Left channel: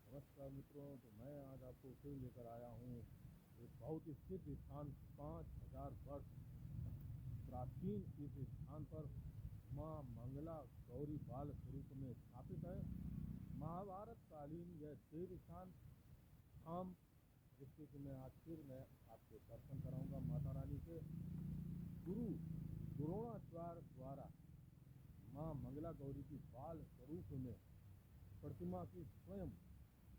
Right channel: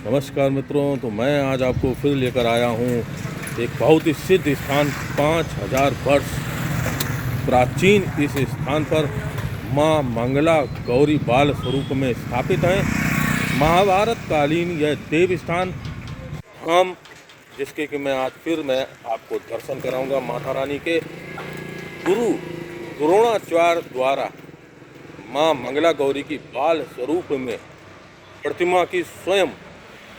नमस्कार मित्रों, तो मैं आज आपको फिर लेकर आया हूँ एक बहुत ही सिद्ध स्थान। 5000 वर्ष प्राचीन इस स्थान पर माँ मंगला गौरी बाल स्वरूप में स्थापित है। महाभारत कालीन यह देव स्थान हम जिसके कि मैं आपको दर्शन कराऊंगा माता रानी के। गुरु द्रोणाचार्य द्वारा माँ मंगला गौरी की बाल स्वरूप में प्रतिमा की स्वयं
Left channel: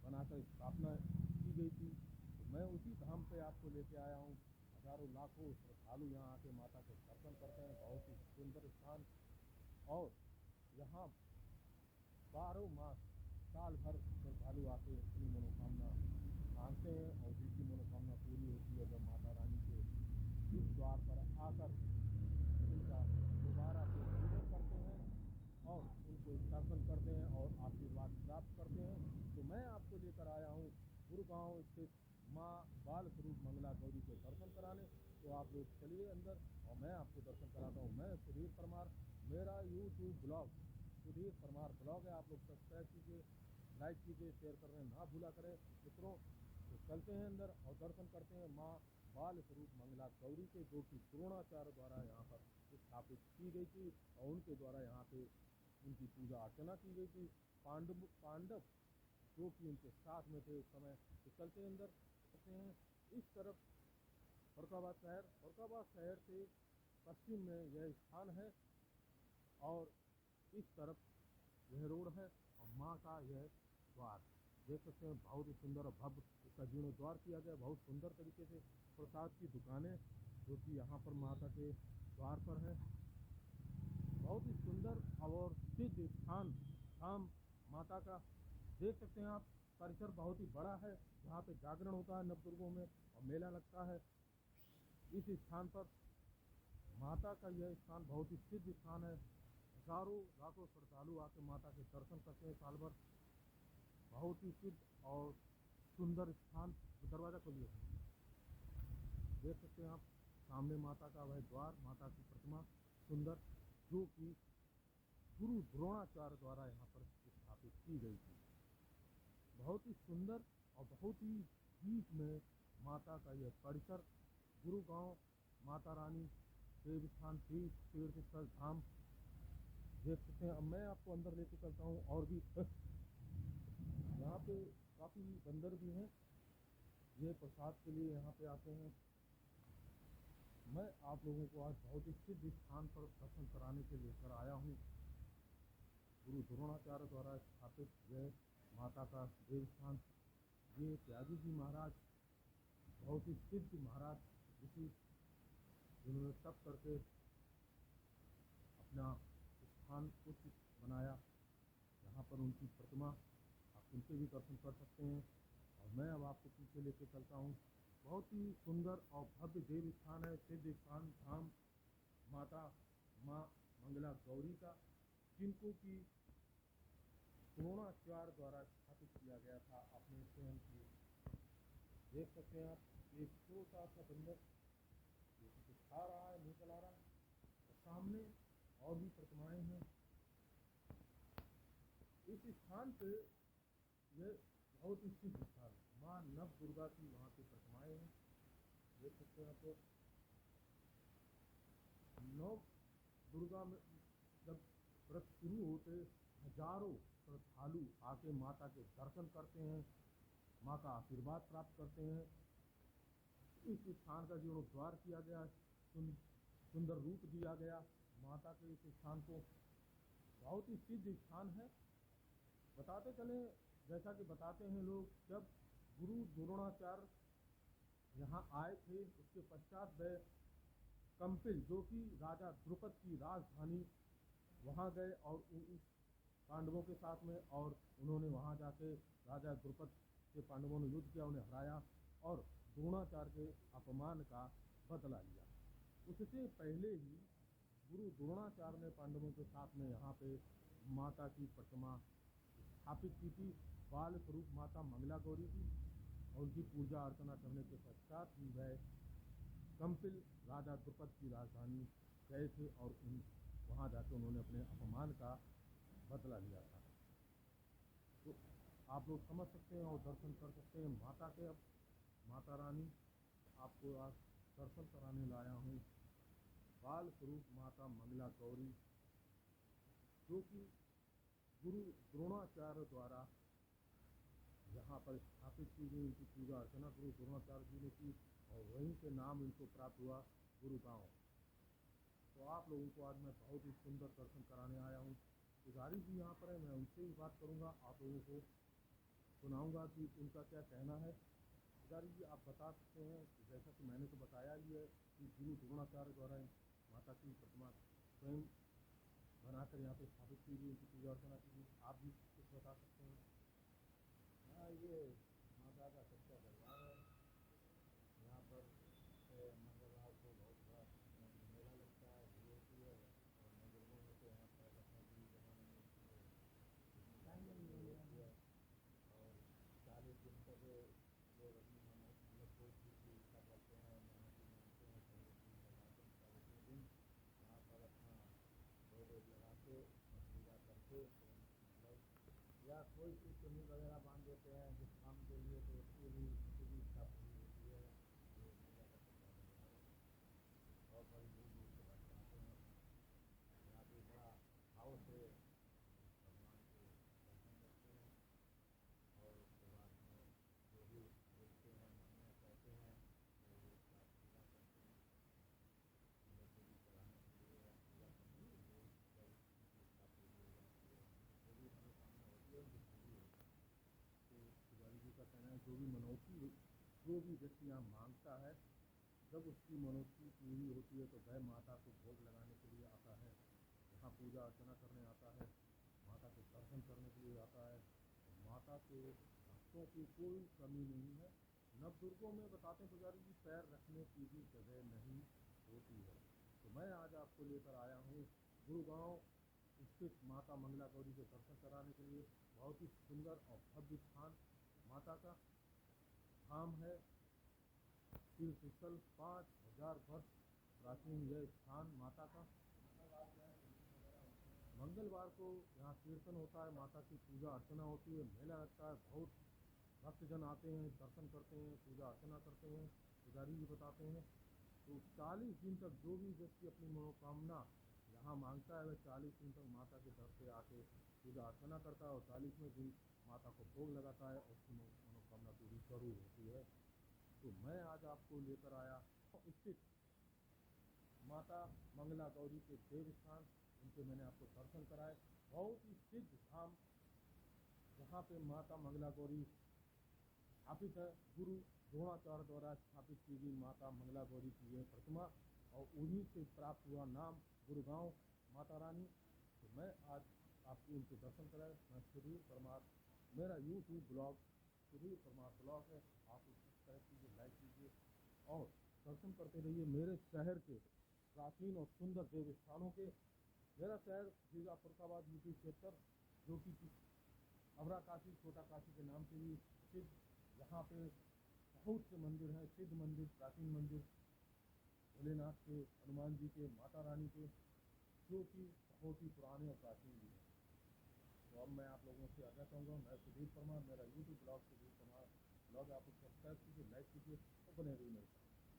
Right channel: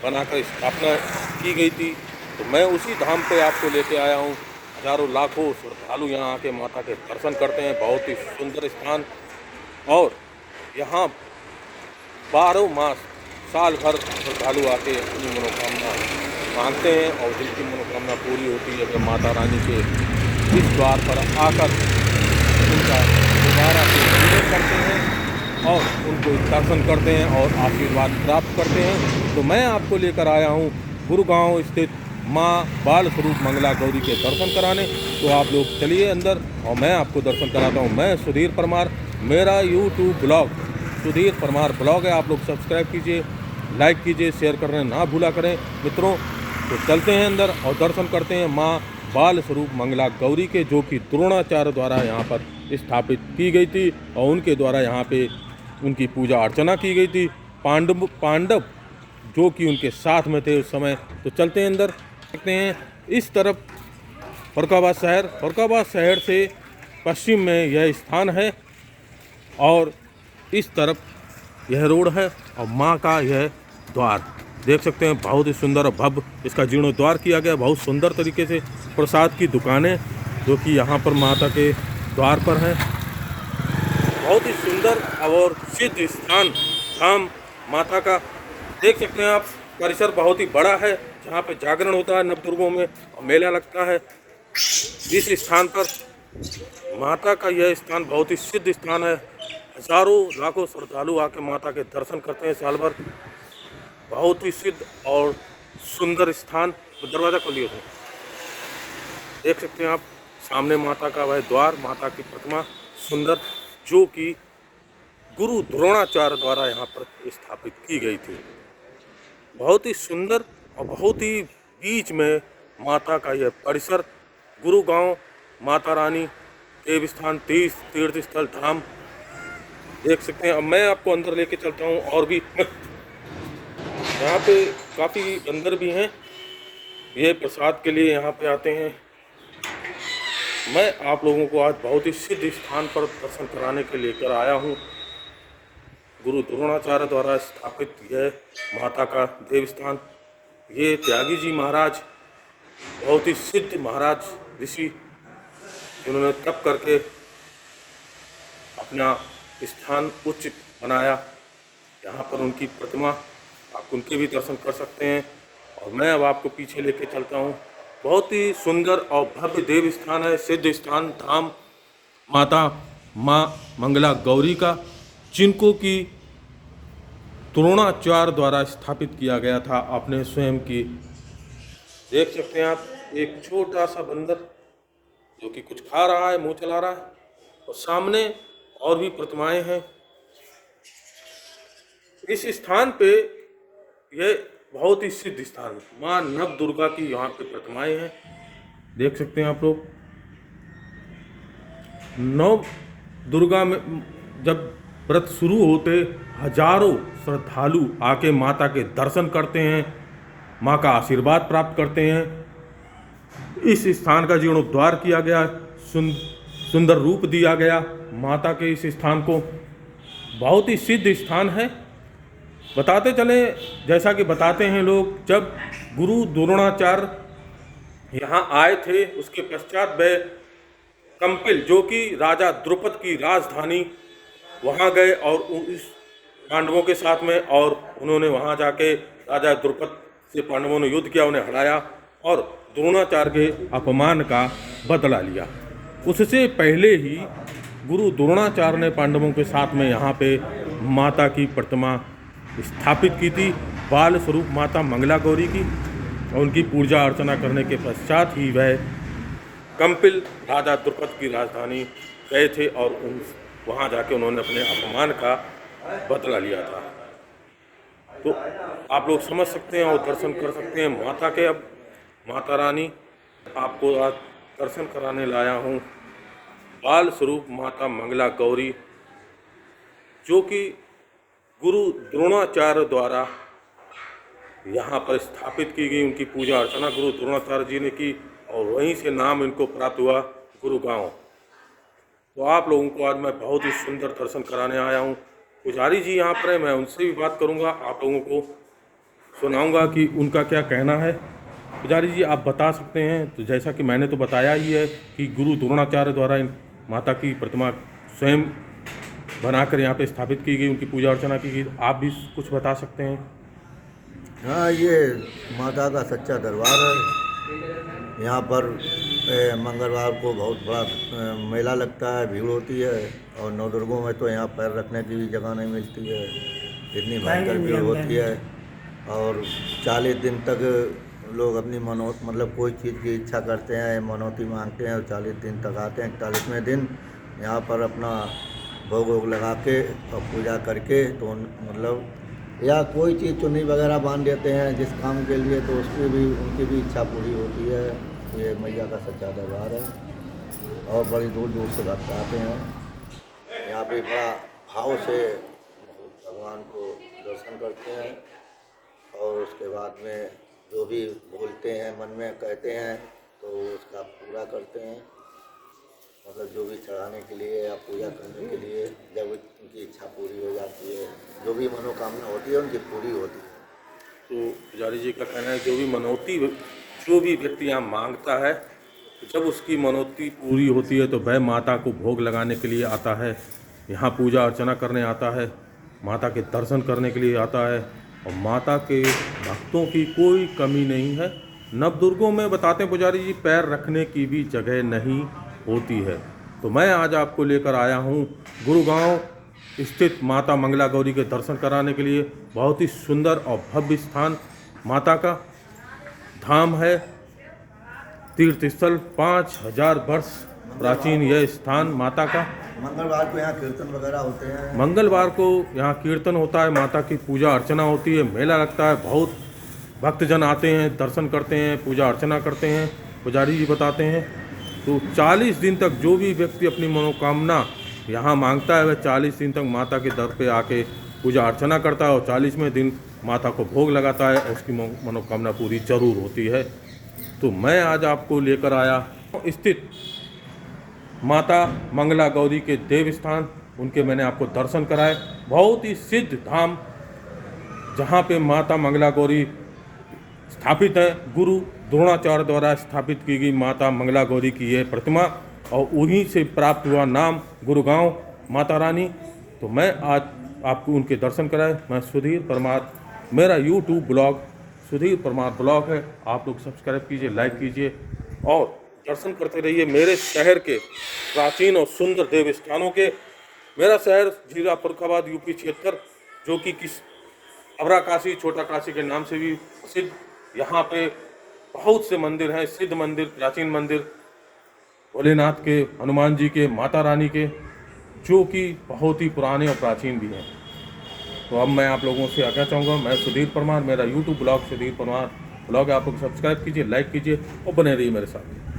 बनाकर स्थापना की गई थी। तो मैं उसी धाम पे आपको लेके आया हूँ। हजारों लाखों श्रद्धालु यहाँ आके माता के दर्शन करते हैं। बहुत ही सुंदर स्थान, और यहाँ 12 मास साल भर श्रद्धालु आके अपनी मनोकामना मांगते हैं और जिनकी मनोकामना पूरी होती है वे माता रानी के इस द्वार पर आकर उनका दोबारा से पूजन करते हैं और उनको दर्शन करते हैं और आशीर्वाद प्राप्त करते हैं। तो मैं आपको लेकर आया हूँ गुरुगांव स्थित माँ बाल स्वरूप मंगला गौरी के दर्शन कराने। तो आप लोग चलिए अंदर और मैं आपको दर्शन कराता हूँ। मैं सुधीर परमार, मेरा YouTube blog Sudhir Parmar blog है। आप लोग सब्सक्राइब कीजिए, लाइक कीजिए, शेयर करना ना भूला करें मित्रों। तो चलते हैं अंदर और दर्शन करते हैं माँ बाल स्वरूप मंगला गौरी के, जो कि द्रोणाचार्य द्वारा यहाँ पर स्थापित की गई थी और उनके द्वारा यहाँ पे उनकी पूजा अर्चना की गई थी। पांडव जो कि उनके साथ में थे उस समय। तो चलते हैं अंदर, देखते हैं। इस तरफ फरुखाबाद शहर से पश्चिम में यह स्थान है और इस तरफ यह रोड है और माँ का यह द्वार देख सकते हैं। बहुत ही सुंदर और भव्य इसका जीर्णोद्वार किया गया। बहुत सुंदर तरीके से प्रसाद की दुकानें जो कि यहाँ पर माता के द्वार पर हैं। बहुत ही सुंदर और सिद्ध स्थान धाम माता का देख सकते हैं आप। परिसर बहुत ही बड़ा है जहाँ पे जागरण होता है नवदुर्गों में और मेला लगता है। इस स्थान पर माता का यह स्थान बहुत ही सिद्ध स्थान है। हजारों लाखों श्रद्धालु आके माता के दर्शन करते हैं साल भर। बहुत ही सिद्ध और सुंदर स्थान। तो दरवाजा खोलिए थे, देख सकते हैं आप सामने माता का वह द्वार, माता की प्रतिमा सुंदर, जो कि गुरु द्रोणाचार्य द्वारा यहाँ पर स्थापित की गई थी। बहुत ही सुंदर और बहुत ही बीच में माता का यह परिसर। गुरुगांव माता रानी देव स्थान तीर्थ स्थल धाम देख सकते हैं। अब मैं आपको अंदर लेके चलता हूँ। और भी यहाँ पे काफ़ी अंदर भी हैं, ये प्रसाद के लिए यहाँ पे आते हैं। मैं आप लोगों को आज बहुत ही सिद्ध स्थान पर दर्शन कराने के लेकर आया हूँ। गुरु द्रोणाचार्य द्वारा स्थापित यह माता का देव स्थान। ये त्यागी जी महाराज बहुत ही सिद्ध महाराज ऋषि, जिन्होंने तप करके अपना स्थान उच्च बनाया। यहाँ पर उनकी प्रतिमा, आप उनके भी दर्शन कर सकते हैं। और मैं अब आपको पीछे लेके चलता हूँ। बहुत ही सुंदर और भव्य देव स्थान है, सिद्ध स्थान धाम माता माँ मंगला गौरी का, जिनको की द्रोणाचार्य द्वारा स्थापित किया गया था अपने स्वयं की। देख सकते हैं आप एक छोटा सा बंदर जो कि कुछ खा रहा है, मुंह चला रहा है, और सामने और भी प्रतिमाएं हैं। इस स्थान पे यह बहुत ही सिद्ध स्थान है। माँ नव दुर्गा की यहाँ पे प्रतिमाएं हैं, देख सकते हैं आप लोग। नव दुर्गा में जब व्रत शुरू होते हजारों श्रद्धालु आके माता के दर्शन करते हैं, माँ का आशीर्वाद प्राप्त करते हैं। इस स्थान का जीर्णोद्धार किया गया, सुंदर रूप दिया गया माता के इस स्थान को। बहुत ही सिद्ध स्थान है। बताते चले, जैसा कि बताते हैं लोग, जब गुरु द्रोणाचार्य यहाँ आए थे उसके पश्चात वे कंपिल, जो कि राजा द्रुपद की राजधानी, वहाँ गए और उस पांडवों के साथ में, और उन्होंने वहाँ जाके राजा द्रुपद से पांडवों ने युद्ध किया, उन्हें हराया और द्रोणाचार्य के अपमान का बदला लिया। उससे पहले ही गुरु द्रोणाचार्य ने पांडवों के साथ में यहाँ पे माता की प्रतिमा स्थापित की थी, बाल स्वरूप माता मंगला गौरी की। और उनकी पूजा अर्चना करने के पश्चात ही वह कंपिल राजा द्रुपद की राजधानी गए थे और वहाँ जाके उन्होंने अपने अपमान का बदला लिया था। तो आप लोग समझ सकते हैं और दर्शन कर सकते हैं माता के। अब माता रानी आपको आज दर्शन कराने लाया हूँ बाल स्वरूप माता मंगला गौरी, जो कि गुरु द्रोणाचार्य द्वारा यहाँ पर स्थापित की गई। उनकी पूजा अर्चना गुरु द्रोणाचार्य जी ने की और वहीं से नाम इनको प्राप्त हुआ गुरुगांव। तो आप लोगों को आज मैं बहुत ही सुंदर दर्शन कराने आया हूँ। पुजारी जी यहाँ पर है, मैं उनसे भी बात करूँगा, आप लोगों को सुनाऊँगा कि उनका क्या कहना है। पुजारी जी आप बता सकते हैं, तो जैसा कि मैंने तो बताया ही है कि गुरु द्रोणाचार्य द्वारा इन माता की प्रतिमा स्वयं बनाकर यहाँ पे स्थापित की गई, उनकी पूजा अर्चना की गई। आप भी कुछ बता सकते हैं? हाँ, ये माता का सच्चा दरबार है। यहाँ पर मंगलवार को बहुत बड़ा मेला लगता है, भीड़ होती है और नवदुर्गों में तो यहाँ पैर रखने की भी जगह नहीं मिलती है, इतनी भयंकर भीड़ होती है। और 40 दिन तक लोग अपनी मतलब कोई चीज़ की इच्छा करते हैं, मनौती मांगते हैं और 40 दिन तक आते हैं। 41वें दिन यहाँ पर अपना भोग वोग लगा के और पूजा करके तो मतलब या कोई चीज़ चुन्नी वगैरह बांध देते हैं जिस काम के लिए, तो उसकी भी उनकी भी इच्छा पूरी होती है। ये मैया का सच्चा दरबार है और बड़ी दूर दूर से भक्त आते हैं। यहाँ पे बड़ा भाव से भगवान को दर्शन करते हैं और उसके बाद में जो भी बोलते हैं, मन में कहते हैं, तो उसका पूरा करते हैं। मतलब जो भी चढ़ाने के लिए या पूजा करने के लिए जब उनकी इच्छा पूरी हो जाती है, जो भी मनोकामना होती है उनकी पूरी होती है। तो पुजारी जी का कहना है जो भी मनौती जो भी व्यक्ति यहाँ मांगता है, जब उसकी मनौती पूरी होती है तो वह माता को भोग लगाने के लिए आता है, यहाँ पूजा अर्चना करने आता है, माता के दर्शन करने के लिए आता है। और माता के भक्तों की कोई कमी नहीं है। नवदुर्गों में बताते हैं पुजारी जी पैर रखने की भी जगह नहीं होती है। तो मैं आज आपको लेकर आया हूँ गुरुगांव स्थित माता मंगला गौरी के दर्शन कराने के लिए। बहुत ही सुंदर और भव्य स्थान माता का धाम है, तीर्थ स्थल, 5000 वर्ष प्राचीन यह स्थान माता का। मंगलवार को यहाँ कीर्तन वगैरह होते हैं। मंगलवार को यहाँ कीर्तन होता है, माता की पूजा अर्चना होती है, मेला लगता है, बहुत भक्तजन आते हैं, दर्शन करते हैं, पूजा अर्चना करते हैं। पुजारी जी बताते हैं तो 40 दिन तक जो भी व्यक्ति अपनी मनोकामना यहाँ मांगता है वह 40 दिन तक माता के दर पे आके पूजा अर्चना करता है और 40वें दिन माता को भोग लगाता है और उसकी मनोकामना पूरी जरूर होती है। तो मैं आज आपको लेकर आया स्थित माता मंगला गौरी के देव स्थान, उनके मैंने आपको दर्शन कराए। बहुत ही सिद्ध धाम जहाँ पे माता मंगला गौरी स्थापित है, गुरु द्रोणाचार्य द्वारा स्थापित की गई माता मंगला गौरी की यह प्रतिमा और उन्हीं से प्राप्त हुआ नाम गुरुगांव माता रानी। तो मैं आज आपको उनके दर्शन कराए। मैं सुधीर परमार, मेरा YouTube blog Sudhir Parmar blog है, आप लोग सब्सक्राइब कीजिए, लाइक कीजिए और दर्शन करते रहिए मेरे शहर के प्राचीन और सुंदर देव स्थानों के। मेरा शहर जिला फर्रुखाबाद यूपी 76, जो कि अबरा काशी, छोटा काशी के नाम से भी प्रसिद्ध। यहाँ पे बहुत से मंदिर हैं, सिद्ध मंदिर, प्राचीन मंदिर, भोलेनाथ के, हनुमान जी के, माता रानी के, जो कि बहुत ही पुराने और प्राचीन भी हैं। तो अब मैं आप लोगों से आज्ञा चाहूँगा। मैं सुधीर परमार, मेरा YouTube blog Sudhir Parmar blog है, आप लोग सब्सक्राइब कीजिए, लाइक कीजिए और बने रहिए मेरे साथ।